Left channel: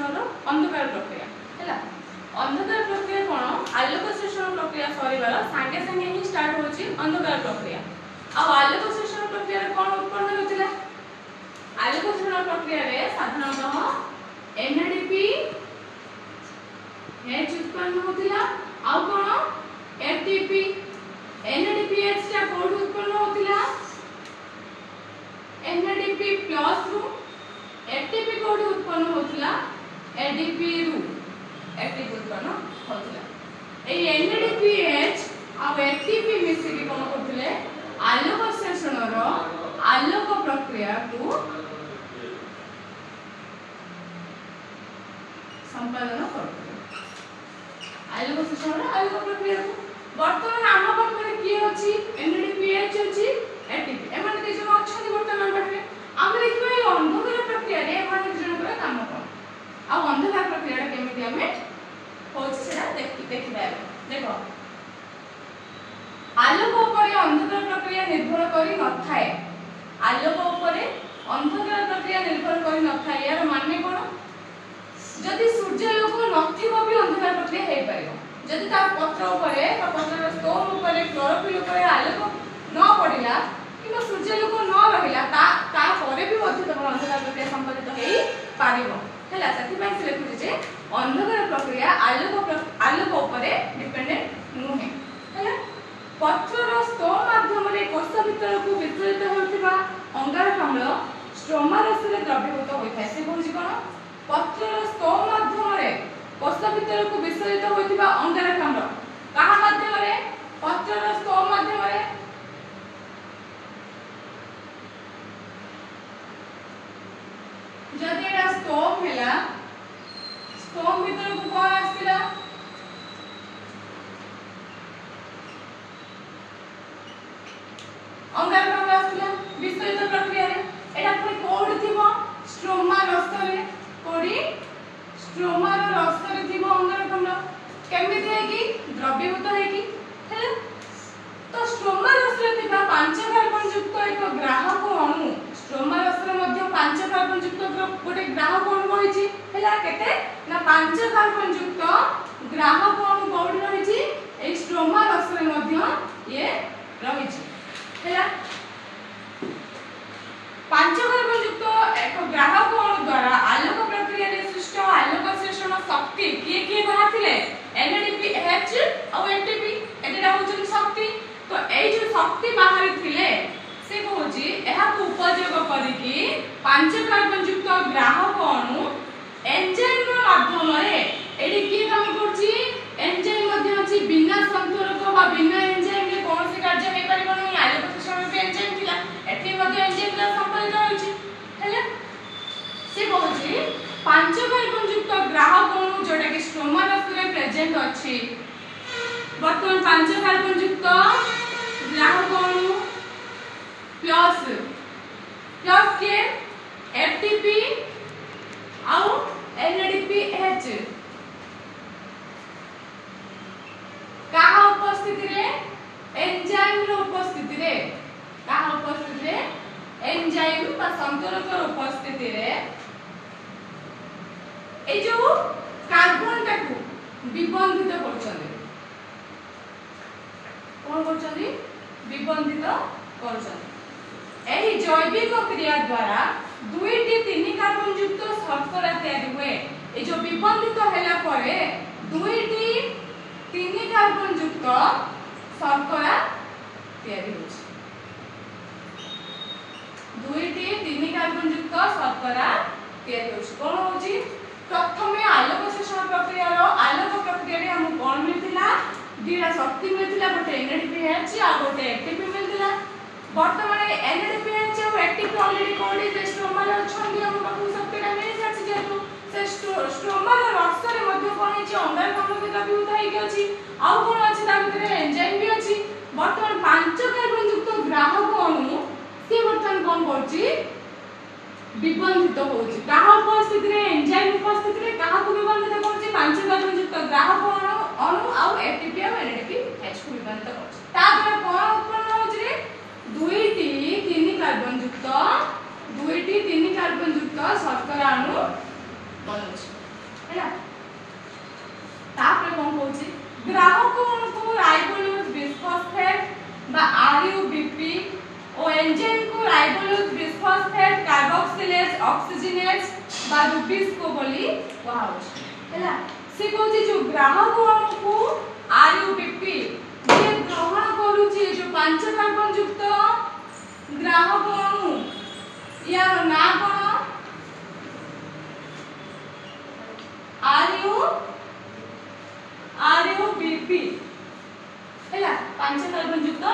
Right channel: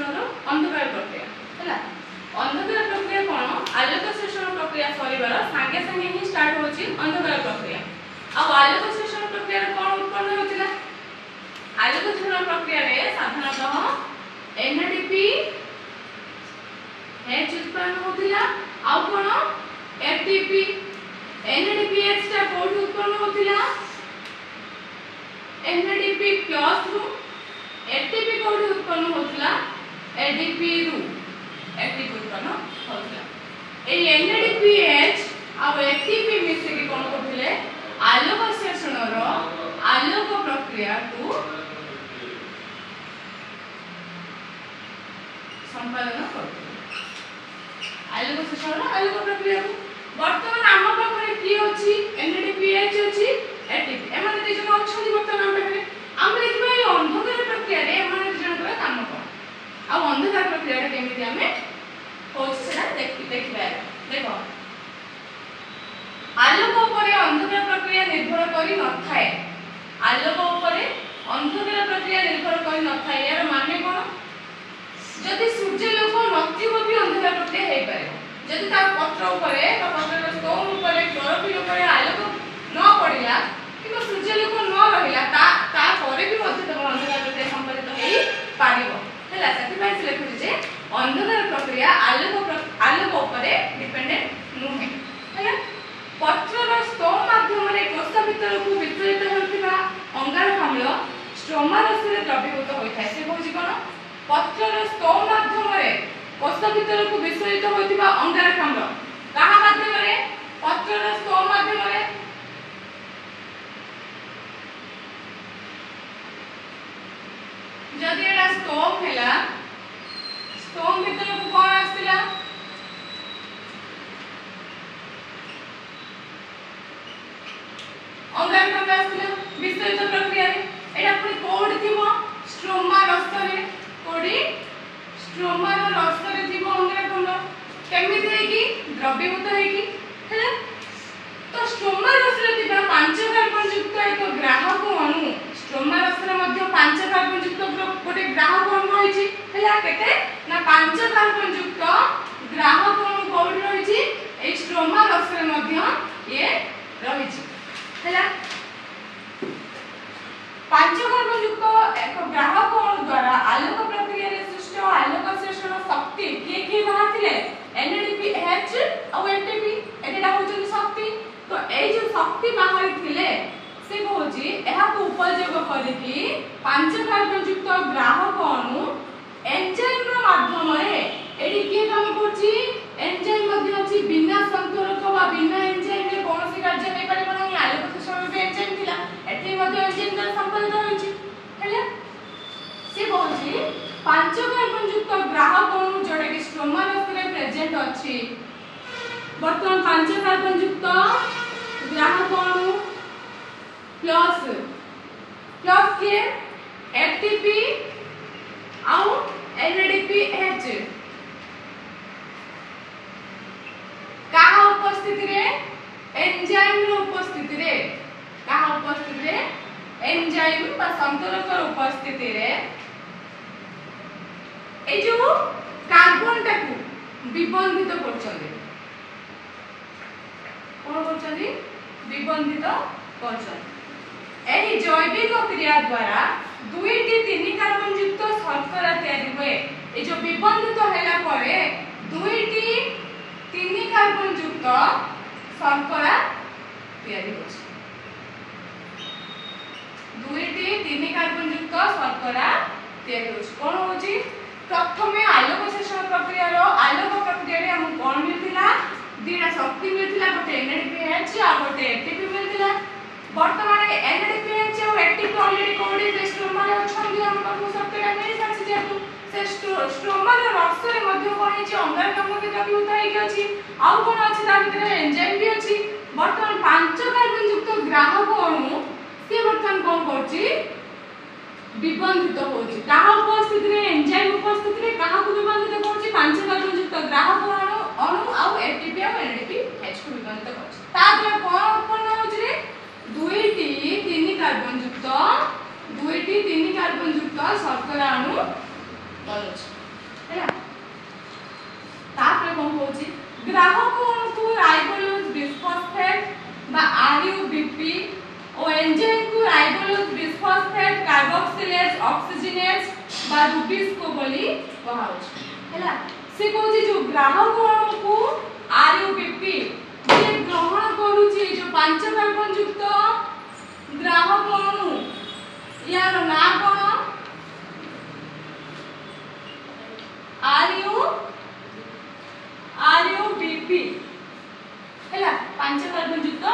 शोषण रो अंधकार प्रक्रिया हैला अंधकार प्रक्रिया कोन आलोक शोषण प्रक्रिया सरीबार संगे संगे ही स्टार्ट होची अंधकार प्रक्रिया आ आलोक शोषण प्रक्रिया रे कोन उत्पन्न होतिला आलोक शोषण प्रक्रिया रे साधारणतः एनएडीपी एच उत्पन्न होतिला आ कोन एटीपी एनएडीपी एच टा कोड उत्पन्न होतिला एनएडीपी प्लस रु एटीपी कोड उत्पन्न होतिला एडीपी रु एटीपी उत्पन्न होतिला ए एनएडीपी एच आ एटीपी मिसे के कोन करथिले आलोक शोषण रो आलोक प्रक्रिया को संपादन करथिले आलोक शोषण रो आलोक प्रक्रिया को वर्तमान आम पाखरे की अछि एनएडीपी एच अछि एटीपी एमाने जे जन अछन वर्तमान पाखरे हम देखिबा ए अंधकार प्रक्रिया रे एमाने जे जन काम कोन आ अंधकार प्रक्रिया रे केमिति हमें होछ सेटा देखिबा देखो आलोक उपरे अंधकार प्रक्रिया निर्भर करी न थाए आलोक उपरे अंधकार प्रक्रिया निर्भर करी न थाए यार माने कोन जदि सूर्य लोक नथिबो भी अंधकार प्रक्रिया हेइ पारे जदि ता पत्र उपरे बा पत्रर स्तंभ उपरे क्लोरोफिल उपरे आलोक न पड़िला किबा सूर्य लोक न रहिला ता परे भी मध्य तम अंधकार प्रक्रिया संपादित हेइ पारिबो हैला सती भाई से लिखु जे अंधकार प्रक्रिया आलोक उपरे डिपेंडेंट नुहे हैला पत्रर स्तंभ माध्यम रे कोष भीतर को वितरित होतिबा अंगारकाम्ल स्ट्रोमा रस रे द्रवीभूत होइथाय से कहछि कोन पत्रर स्तंभ माध्यम रे कोष भीतर को विसरित होतिबा अंगारकाम्ल कहा माध्यम रे पत्रर स्तंभ माध्यम रे जदि एटा स्तंभ हैला स्तंभ भीतर को कोन आस्तिला अंगारकाम्ल आस्तिला विसरित प्रक्रिया रे एटा पुनी कोड थिबो स्ट्रोमा रस रे कोडी स्ट्रोमा रस रे थिबो अंगारकाम्ल केमिति है कि द्रवीभूत है कि हैला तो स्ट्रोमा रस रे थिबा 5 कार्बन युक्त एक ग्राहक अणु स्ट्रोमा रस रे मध्ये 5 कार्बन युक्त गोटे ग्राहक अणु रहिछि हैला केते ना 5 कार्बन युक्त ग्राहक अणु कोड रहिछि ए स्ट्रोमा रस रे मध्ये ये रहिछि हैला 5 कार्बन युक्त एक ग्राहक अणु द्वारा आलोक प्रक्रिया रे सृष्ट आलोक शोषण शक्ति के बाहातिले एनएडीपी एच और एटीपी एटा होछि शक्ति तो ए जो शक्ति बाहर थिले से कहछि एहा को उपयोग करिकि 5 कार्बन युक्त ग्राहक अणु एंजाइम रो माध्यम रे एडी के काम करछि एंजाइम मध्ये अछि बिना संतुलक वा बिना एंजाइम रे कोनोसी कार्य हे परिबो नै आलोक शोषण रे एंजाइम थिला एठी मध्ये एंजाइम का संपादित होछि हैला से कहछि 5 कार्बन युक्त ग्राहक अणु जोडे के स्ट्रोमा रस रे प्रेजेंट अछि वर्तमान 5 कार्बन युक्त ग्राहक अणु प्लस के एटीपी आउ एनएडीपी एच कहा उपस्थिति रे एंजाइम रो उपस्थिति रे कहा उपस्थिति रे एंजाइम बा संतुलक रो उपस्थिति रे ए जो कार्बन टाकू विबंधित करछले कोन करछली विबंधित करछले एही जैविक क्रिया द्वारा 2-3 कार्बन युक्त शर्करा तैयारी हुए ए जो विबंधित हैला परे 2-3 कार्बन युक्त शर्करा तैयारी होछि 2-3 कार्बन युक्त शर्करा तैयारी होछि कोन होछि प्रथमे आलोक शोषण प्रक्रिया रो आलोक प्रक्रिया रे हम कोन मिलथिला दीरा शक्ति मिलथिला गोटे एनएडीपी एच आ गोटे एटीपी मिलथिला वर्तमान एनएडीपी एच और एटीपी ऑलरेडी कोडी जे स्ट्रोमा रे छंदी हम पाखु शक्तिरा मिल जाछि जेतु से स्ट्रोमा रे रस रे मध्ये कोन छि अंगारकाम्ल के कभी उठाई के अछि आ कोन अछि ता भीतर एंजाइम भी अछि वर्तमान 5 कार्बन युक्त ग्राहक अणु से वर्तमान कोन करछि विबंधित होछि काहा उपस्थिति रे एंजाइम उपस्थिति रे काहा को विबंधित करछि 5 कार्बन युक्त ग्राहक अणु आ एटीपी और एनएडीपी एच को विबंधित करछि ता द्वारा कोन उत्पन्न होछि रे 2-3 कार्बन युक्त शर्करा अणु बनछि हैला तापर कोन होची ग्राहक को राइबोलोज बिसफॉस्फेट बा आरयूबीपी और एंजाइम को राइबोलोज बिसफॉस्फेट कार्बोक्सिलेज ऑक्सीजनेज बा रुबिस को बोली कहा होची हैला से कहूची जो ग्राहक को आरयूबीपी जे ग्रहण करूची जो 5 कार्बन युक्त ग्राहक अणु यार ना कोन आरयूबीपी हैला 5 कार्बन युक्त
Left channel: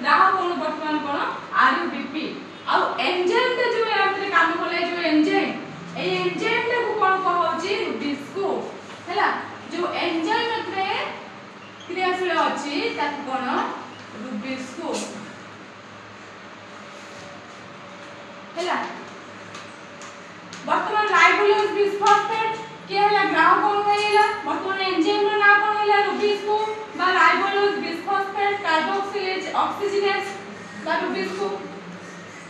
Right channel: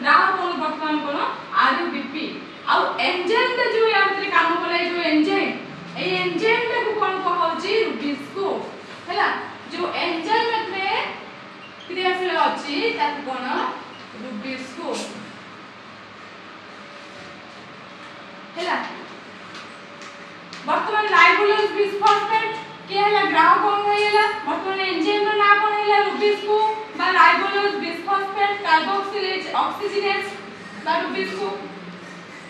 ग्राहक अणु वर्तमान कोन आरयूबीपी आ एंजाइम ता जो यार काम करै जो एंजाइम ए एंजाइम ता को कोन कहौची रुबिस को हैला जो एंजाइम में क्रियाशील अछि ताकि कोन रुबिस को हैला वर्तमान राइबोलोज बिसफॉस्फेट के हैला ग्राहक कोन हैला वर्तमान एंजाइम रो ना कोन हैला रुबिस को बा राइबोलोज बिसफॉस्फेट कार्बोक्सिलेज ऑक्सीजनेज बा रुबिस को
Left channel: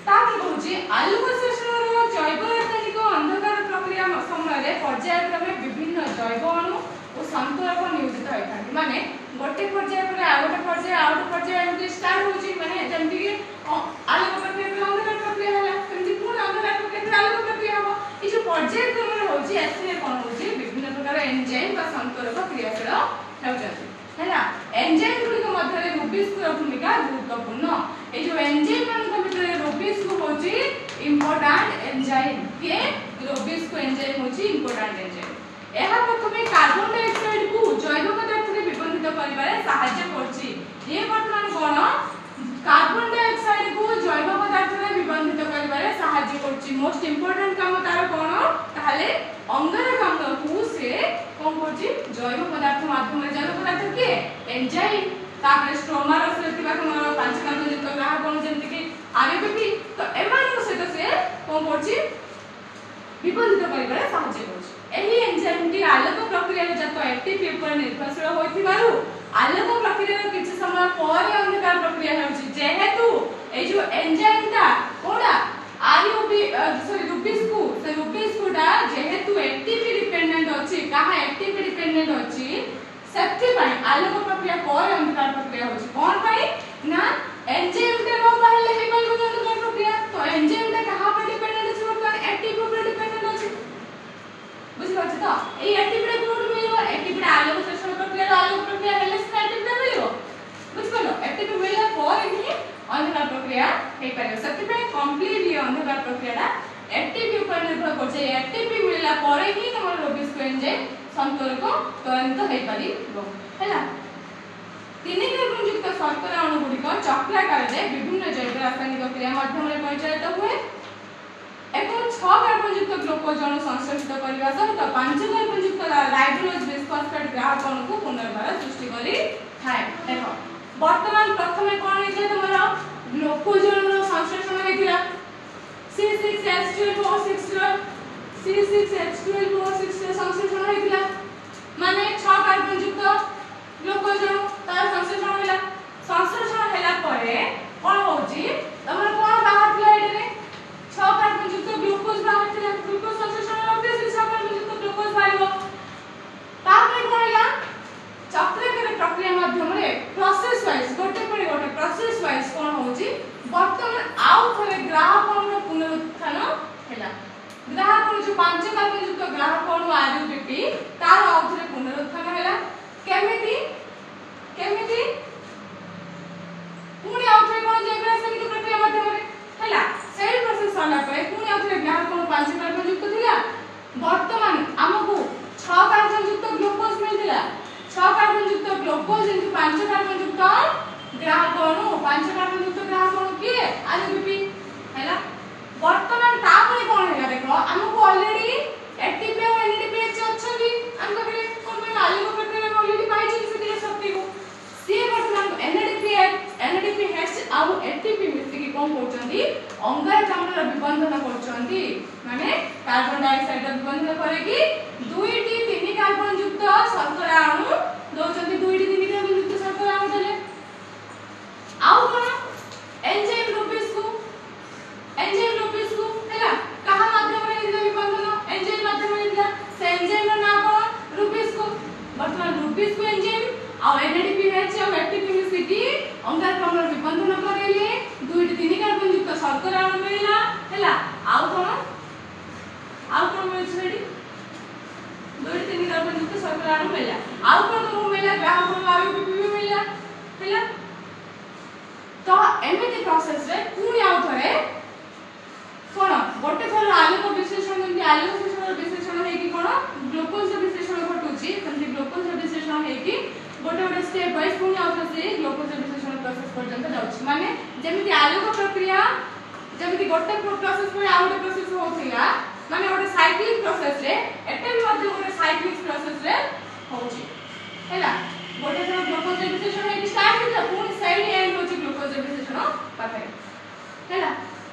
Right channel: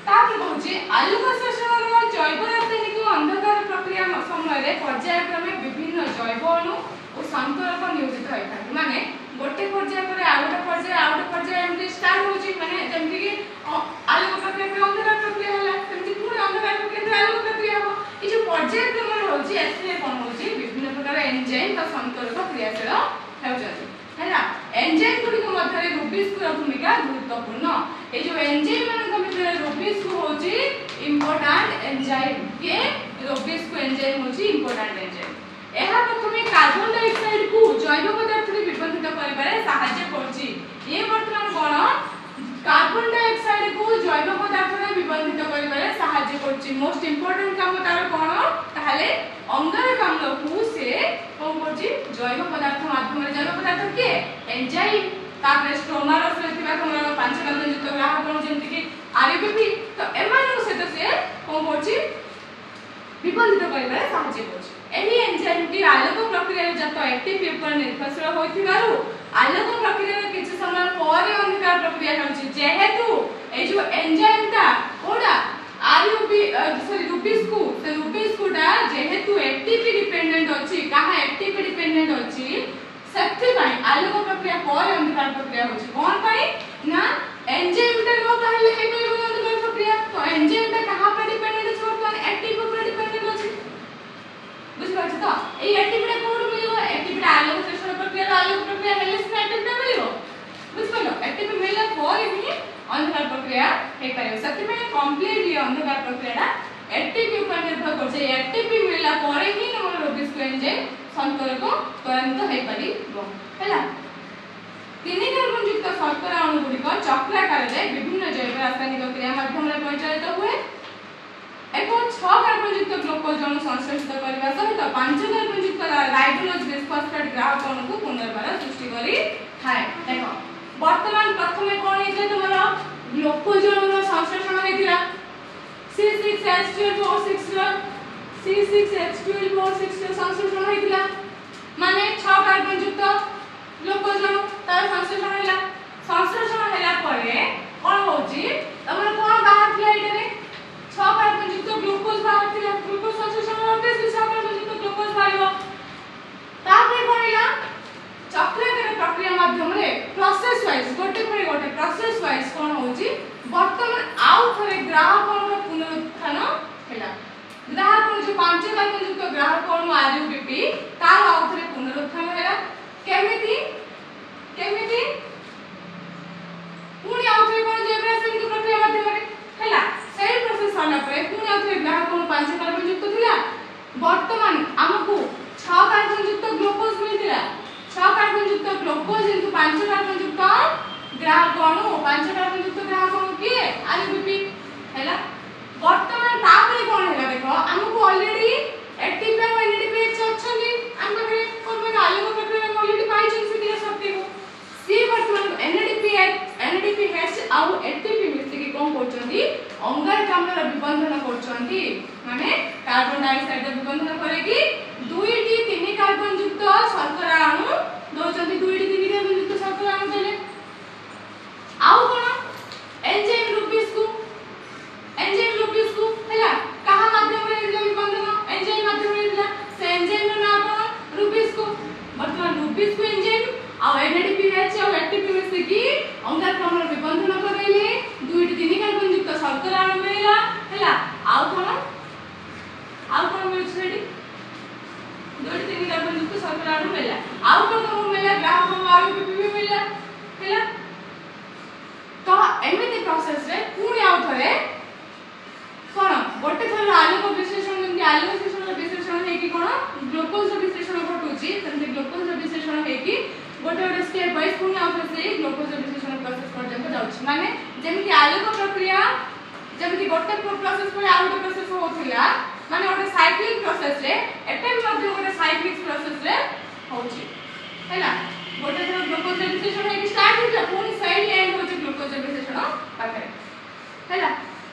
तापर कहूची आलोक शोषण रो जैव रासायनिक अंधकार प्रक्रिया समय रे पर्यायक्रमे विभिन्न जैव अणु और संतरक नियोजित होइथाय माने गोटे पर्याय पर आउट पर्याय एमती स्टार्ट होची माने जेमति कि आलोक प्रक्रिया पर अंधकार प्रक्रिया हला जेमति पूर्ण अंधकार प्रक्रिया पर आलोक प्रक्रिया हो ई जो पर्याय क्रम होची एथले कोन होची विभिन्न प्रकार एंजाइम का संतरक क्रियाशील हेउचती हैला एंजाइम गुडी के मध्य रे रुबिस को भूमिका गुरुत्वपूर्ण ए जो एंजाइम मान के मध्य रे रुबिस को होची इंपोर्टेंट एंजाइम के रुबिस को एंजाइम होची इंपोर्टेंट एंजाइम एहा प्रथमे कार्बन डाइऑक्साइड को जैव पदार्थ रे विबंधित करिबारे सहायता करछि ये वर्तमान कोन कार्बन डाइऑक्साइड को जैव पदार्थ रे विबंधित करिबारे सहायता करछि मोस्ट इंपोर्टेंट काम तार कोन ताहले अंगारकाम्ल को से कोन करछि जैव पदार्थ माध्यम रे जैव पदार्थ के एंजाइम तापर स्ट्रोमा रस रे थिबा कोन 5 कार्बन युक्त ग्राहक कोन जेंति कि आरयूबीपी तो एमानी को सहित से कोन करछि विबंधित करिबारे सहायता करछि एही एंजाइम टी आलोक प्रक्रिया रे जत एक्टिव पर निर्भरशील होइथिबारु आलोक प्रक्रिया रे किछि समय ପରେ अंधकार प्रक्रिया होछि जेहेतु ए जो एंजाइम ता कोडा आरयूबी सॉरी रुबिस को ता जेहेतु एटीपी डिपेंडेंट अछि कहा एटीपी डिपेंडेंट अछि शक्ति पई आलोक प्रक्रिया ପରେ अंधकार प्रक्रिया होछि कोन पई ना एंजाइम ता नो पहले हे पई अंधकार प्रक्रिया तो एंजाइम ता कहा पर डिपेंडेंट अछि वर्तमान एक्टिव पर डिपेंडेंट अछि बुझ पाछ तो ए एटीपी कोड मिलियो एटीपी आलोक शोषण प्रक्रिया आलोक प्रक्रिया हेले से एटीपी मिलियो बुझ पालो एटीपी मिलला पर ही अंधकार प्रक्रिया हे पारे सत्य पे कंप्लीटली अंधकार प्रक्रियाटा एटीपी पर निर्भर करछे एटीपी मिलला पर ही हमर रुबिस को एंजाइम संतरक त्वरित हे पारिबो हैला 3 कार्बन युक्त शर्करा अणु गुडी को चक्राकार रे विभिन्न जैव रासायनिक क्रिया माध्यम रे परिचालित हुए एक 6 कार्बन युक्त ग्लूकोज अणु संश्लेषित करबा सहित 5 कार्बन युक्त राइबोलोज बिसफॉस्फेट ग्राहक अणु को पुनर्बार सृष्टि करी थाए देखो वर्तमान प्रथमे कोन हे जे तमरा ग्लूकोज अणु संश्लेषण हेतिला C6H12O6 संश्लेषण हेतिला माने 6 कार्बन युक्त ग्लूकोज अणु तार संश्लेषण हैला परे कोन होची तमरा कोन बाहर थिला एटे 6 कार्बन युक्त ग्लूकोज बाहर थिला ग्लूकोज संश्लेषण होते 6 कार्बन युक्त ग्लूकोज बाहर तापर कोन हैला चक्राकार प्रक्रिया माध्यम रे प्रोसेस वाइज गोटे पर गोटे प्रोसेस वाइज कोन होची वर्तमान आउ थरे ग्राहक अणु पुनरुत्थान हैला ग्राहक अणु जो 5 कार्बन युक्त ग्राहक अणु आरयूबीपी तार आउ थरे पुनरुत्थान हैला केमिति पुणी आउ थरे कोन जैव रासायनिक प्रक्रिया माध्यम रे हैला सेल प्रोसेस होला परे पुणी आउ थरे ग्राहक अणु 5 कार्बन युक्त थिला वर्तमान हमकु 6 कार्बन युक्त ग्लूकोज मिलतिला 6 कार्बन युक्त ग्लूकोज इनटू 5 कार्बन युक्त ग्राहक अणु 5 कार्बन युक्त ग्राहक अणु के आरयूबीपी हैला वर्तमान तापरे कोन हैला देखो हमकु ऑलरेडी एटीपी और एनएडीपी अच्छी हम पकड़े कोन आलोक प्रक्रिया में ऑलरेडी पाई छी से अंगारकाम्ल विबंधन करेले 2-3 कार्बन युक्त शर्करा अणु मिलला हैला आउ कोन मिलछ सेठी 2-3 कार्बन युक्त शर्करा अणु मिलला आउ कोन तो मिलला ग्राहक अणु आउ पीपीपी मिलला हैला तो एमिति प्रोसेस रे पुणी आउ थरे कोन गोटे थर आलोक विश्लेषण जेमि आलोक विश्लेषण हे कि कोन ग्लूकोज विश्लेषण घटुची तमि ग्लूकोज विश्लेषण हे कि गोटे स्टेप वाइज पुणी आउ से ग्लूकोज विश्लेषण प्रोसेस पर्यंत जाउची माने जेमि आलोक प्रक्रिया जेमि गोटे प्रोसेस पर आउ गोटे प्रोसेस होथिला माने गोटे साइक्लिक प्रोसेस रे एटा भी मध्ये गोटे साइक्लिक प्रोसेस रे होची हैला गोटे थर ग्लूकोज विश्लेषण हे स्टार्ट होता पुणी साइड एंड होची ग्लूकोज विश्लेषण पाखरे हैला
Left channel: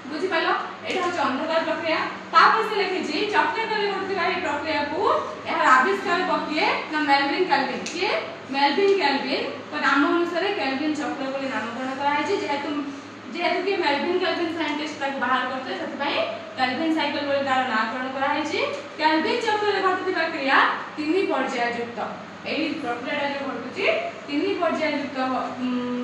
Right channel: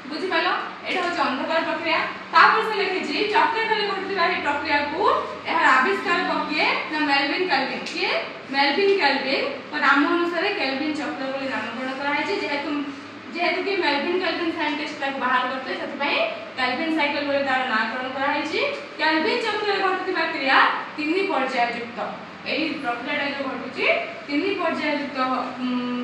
बुझी पालो एटा होची अंधकार प्रक्रिया तापर से लिखि जी चक्राकार घटुवा ए प्रक्रिया को एहर आविष्कार किए ना मेल्विन केल्विन के मेल्विन केल्विन तो नाम अनुसार केल्विन चक्र बोली नामकरण करा है जेहेतु कि मेल्विन केल्विन साइंटिस्ट ताको बाहर करते सेति पई केल्विन साइकिल बोली तार नामकरण करा है केल्विन चक्र रे घटुवा क्रिया 3 पर्याय युक्त एही प्रक्रिया जो घटुची 3 पर्याय युक्त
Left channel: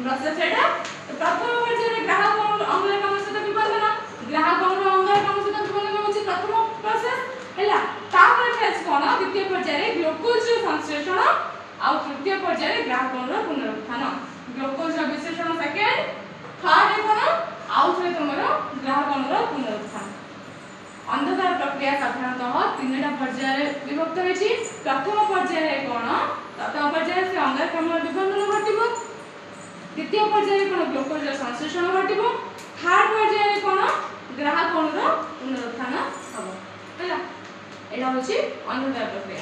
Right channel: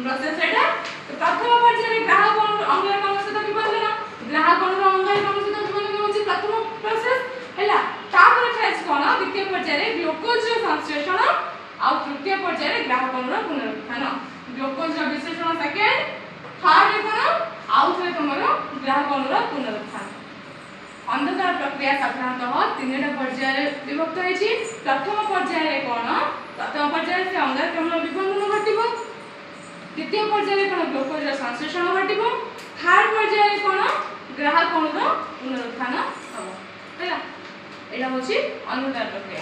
प्रोसेस एटा तो प्रथम पर्याय रे ग्राहक अंगारकाम्ल सहित विबंधन ग्राहक अंगारकाम्ल सहित विबंधन होची प्रथम प्रोसेस हैला तापर फेज कोन द्वितीय पर्याय रे ग्लूकोज संश्लेषण आ तृतीय पर्याय रे ग्राहक पुनरुत्थान ग्लूकोज विश्लेषण सेकेंड थर्ड रे कोन आउ थरे तमरो ग्राहक पुनरुत्थान अंधकार प्रक्रिया साधारणतः 3टा पर्याय रे विभक्त होईची प्रथम पर्याय रे कोन प्रथम पर्याय से अंगारकाम्ल विबंधन घटिबो द्वितीय पर्याय रे कोन ग्लूकोज संश्लेषण घटिबो थर्ड पर्याय रे कोन ग्राहक पुनरुत्थान हबो हैला एला होची अंधकार प्रक्रिया।